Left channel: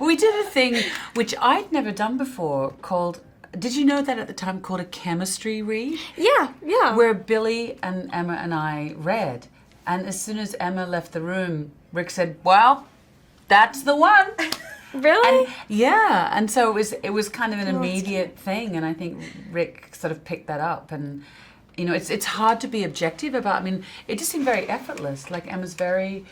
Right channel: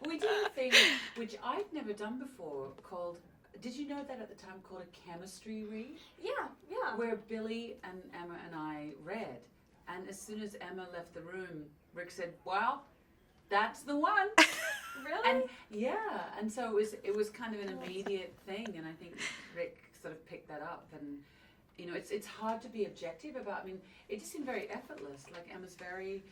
We did a thing which I'd never done before called, did you know that at the time, called a chemistry read? Yeah, yeah. Where Billy and Emma and I read. And as soon as Emma left the room, Rick said, well, that's the one. Really? And yeah, and so it was kind of an Oh, that's immediate thing, and I think Rick sort of picked that up. And you know, it's hard to be objective about. I mean, it just seemed very effortless. Like Emma's very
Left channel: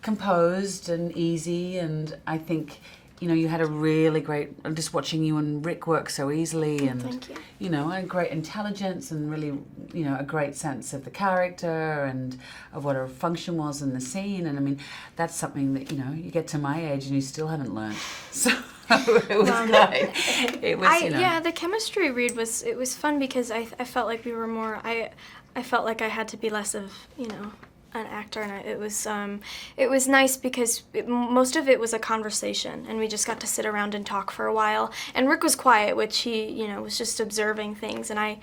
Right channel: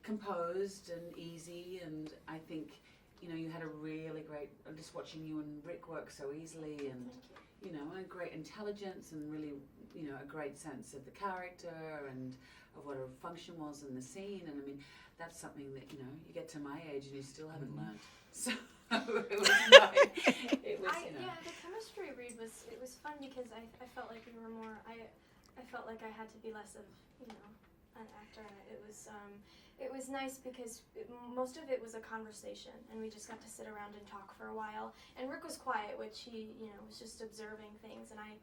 composed and easy, and I think, you know, you had a really great, just watching you and Rick work so easily, and Thank you. you know, a great intelligence and really, you know, a great sense of the character and of what her function was in the scene. And I mean, that's something that, you know, you get to my age and you still haven't learned. So it was like, it was, you know. Yeah, the chemistry read was fun because I felt like we were more, I felt like I had to be less of, you know, an actor, and it was nice because most of it was a conversation, and we just got to sit around and talk for a while. And Rick was quiet, which he, you know, was just observing things, and I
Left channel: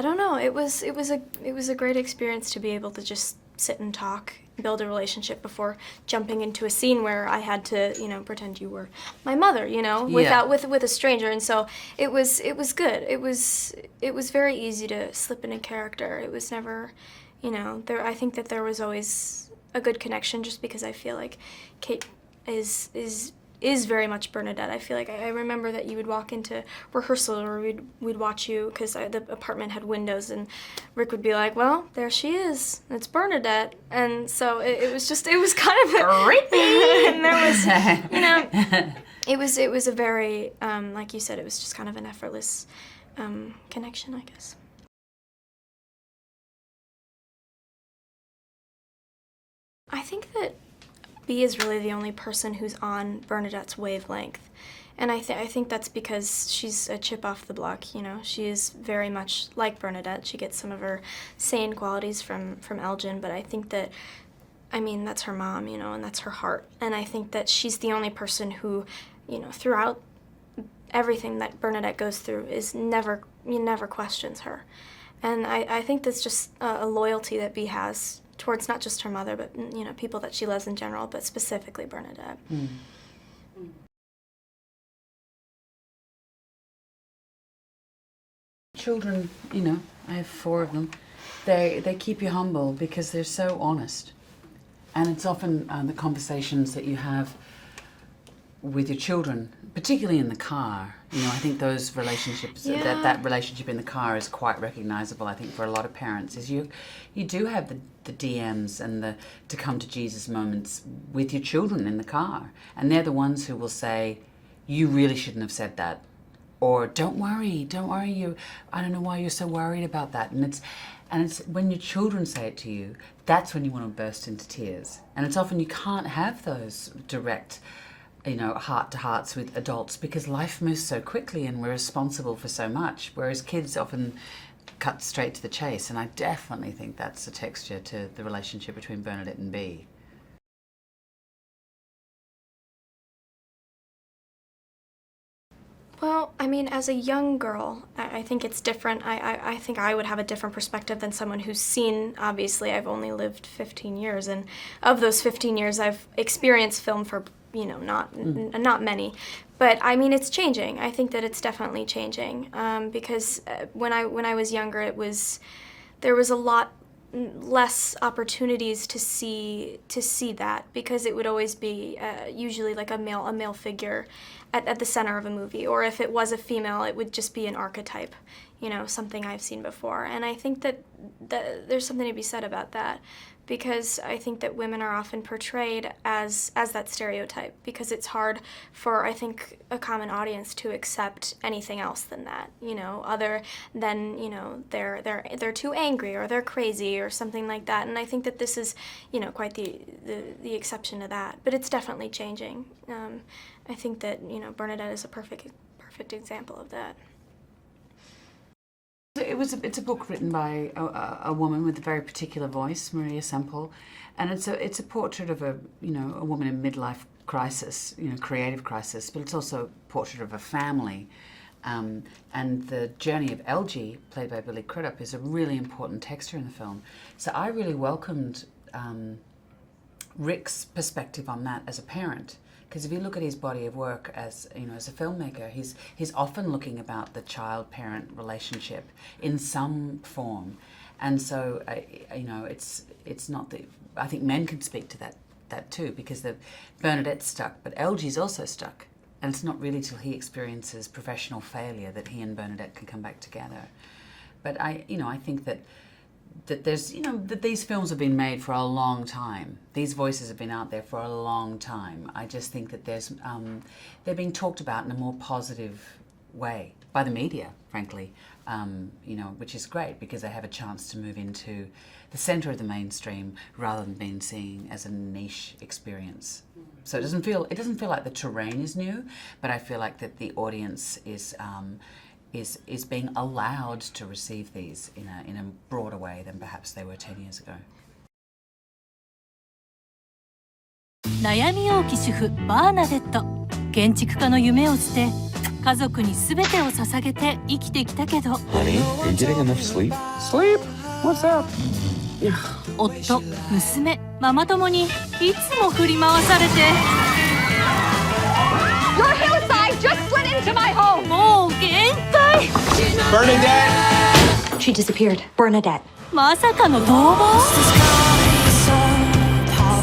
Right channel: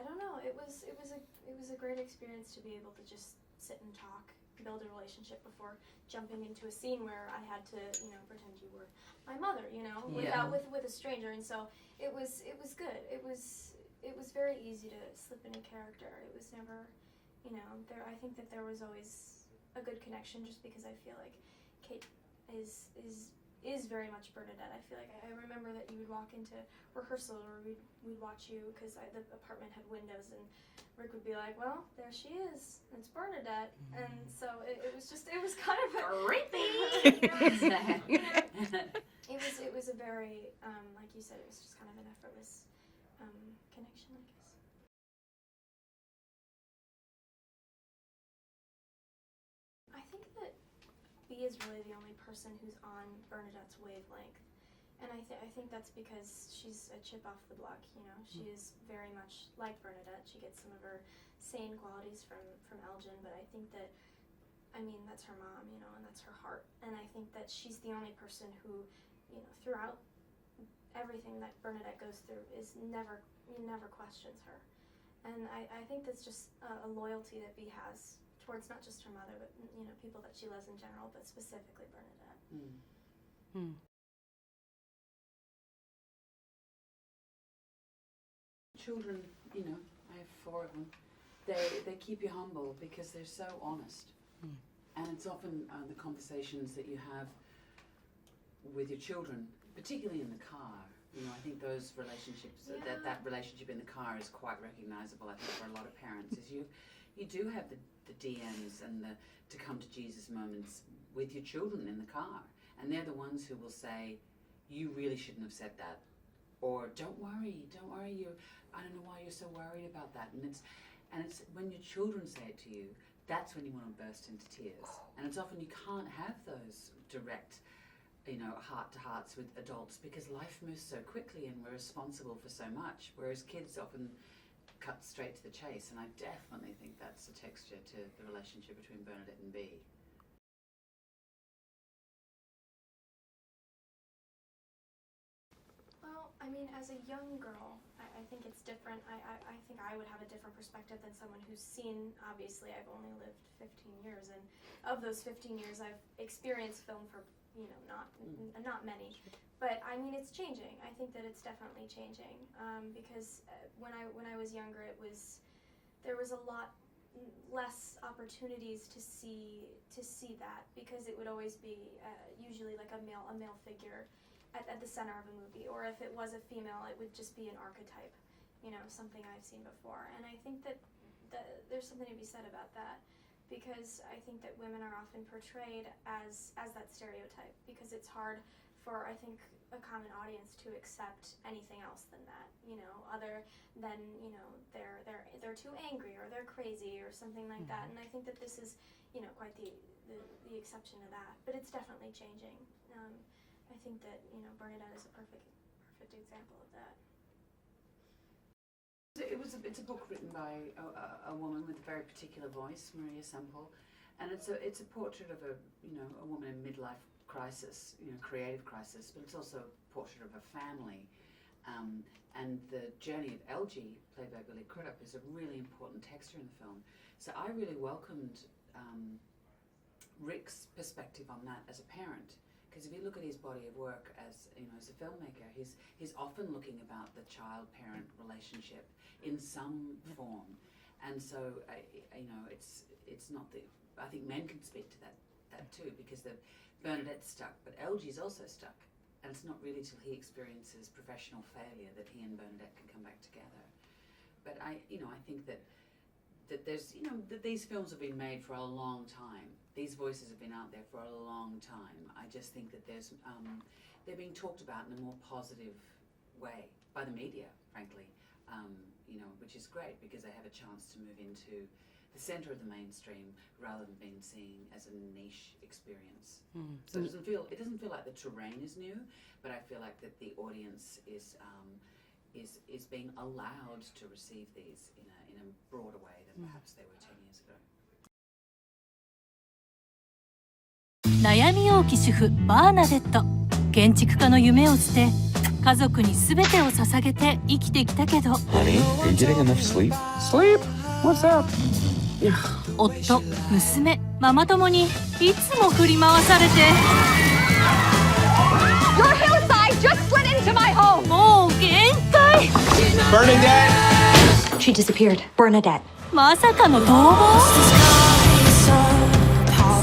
don't know. It was a great experience to be able to just sit and talk, build a relationship before jumping into a scene where I had to, you know, pretend you were my mother, you know, with a stranger. And so it was good. It was very easy to slip in a character. It was never, you know, I think that there was always a good connection, just because I feel like Kate is very much Bernadette. I feel like I remember that you would walk into rehearsal, or we'd watch you, because the apartment had windows, and Rick would be like, well, there she is, it's Bernadette. And so it was kind of creepy. And there was, you know, it was a very, like you said, it was just kind of an effortless connection, I guess. I think that B is really the only person who's on Bernadette's wavelength. And I think that's because she's a chip off the block, you know. She is very much like Bernadette. She gets some of her sane qualities from Elgin, but I think that, I mean, that's her mom, you know, and that's her heart. And I think that she's the only person who, you know, throughout everything that Bernadette goes through never questions her. And I think that's just a loyalty that B has towards not just her mother, but, you know, people that she loves in general, but specifically Bernadette. Mm. Mm. Children, you know, I have 4 of them. They keep you humble because they're so honest, and it's often the conversations that you have with your children, particularly in the car. You know, I think those relationships, Yeah. that relationship in the car is quite recognizable, I think, for a lot of parents, is you do have the DMs and the to come to Jesus moments with your children in the car. And they're the ones who will say, you really shouldn't have said that. Or don't worry, I don't know why you're so worried about that. And it's when your children say it to you, that's when you want to burst into tears. And it's often you can't have those direct, you know, heart-to-hearts with adults because life moves so quickly and we're responsible for so much, whereas kids often cut straight to the chase. And I definitely think that's a texture to the relationship between Bernadette and B. Well, I mean, as a young girl, I think it's different. I think I would have a different perspective than someone who's seen, obviously, I've only lived 15 years, and of those 15 years, I've experienced film for, you know, not many. But I mean, it's changing. I think that it's definitely changing, because when I was younger, there was a lot less opportunities to see that, because it would always be usually like a male figure at the center of a movie, or if it was a female, it would just be an archetype, you know, something I've seen before. And I think that there's something to be said about that, because I think that women are often portrayed as that stereotype, because it's hard for, I think, a common audience to accept anything else than that, you know, other than, you know, they're too angry or they're crazy or something like that. And I think that this is, you know, quite the exception to that. But it's definitely changing. I think that, you know, Bernadette is a perfect example of that. It's a book written by a woman with a very particular voice, Maria Semple, and it's a portrait of a woman in midlife crisis, you know, creative crisis, but it's also a portrait of a family, and the journey of Elgie, played by Billy Crudup, is a really important texture in the film. So I really welcomed Rick's perspective on that as a parent, Because if you look at his body of work as as a filmmaker, he's often looking about the child-parent relationship in some form, and so it's not that I think men can speak to that too, because Bernadette's stuck, but Elgie's also stuck, and it's not really till he experiences professional failure that he and Bernadette can come back together. But I think that there's that these films have been made for a long time. These voices have been out there for a long time. I just think that they're being talked about in a more positive way by the media, frankly. Which is great because they have a chance to move into the center of the mainstream rather than being seen as a niche experience. So it doesn't feel like the terrain is new, but I feel like that the audience is being allowed to receive these in a broader way than perhaps they were 10 years ago. 悩み多き主婦バーナデット。建築家の夢を捨て家族に全てを捧げて生きてきたけど Honey, are you getting enough sleep? Sleep? What's that? 夫、娘、ママ友にいつも振り回されて Your hillside just slid into my home! もう限界 Bernadette! She disappeared. Bernadette. まさかの逃亡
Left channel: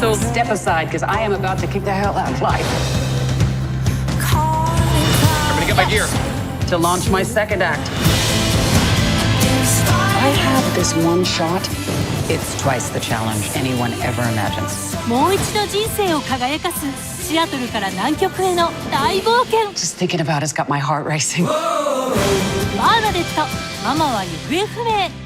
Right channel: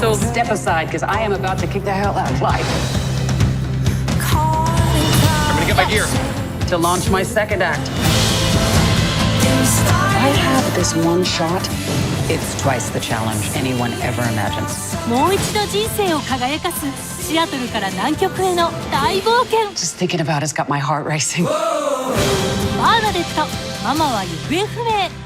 So step aside, because I am about to kick the hell out of life. I'm gonna get my gear. To launch my second act. I have this one shot. It's twice the challenge anyone ever imagines. もう一度人生を輝かすシアトルから南極への大冒険 Just thinking about it's got my heart racing. バーナデットママは行方不明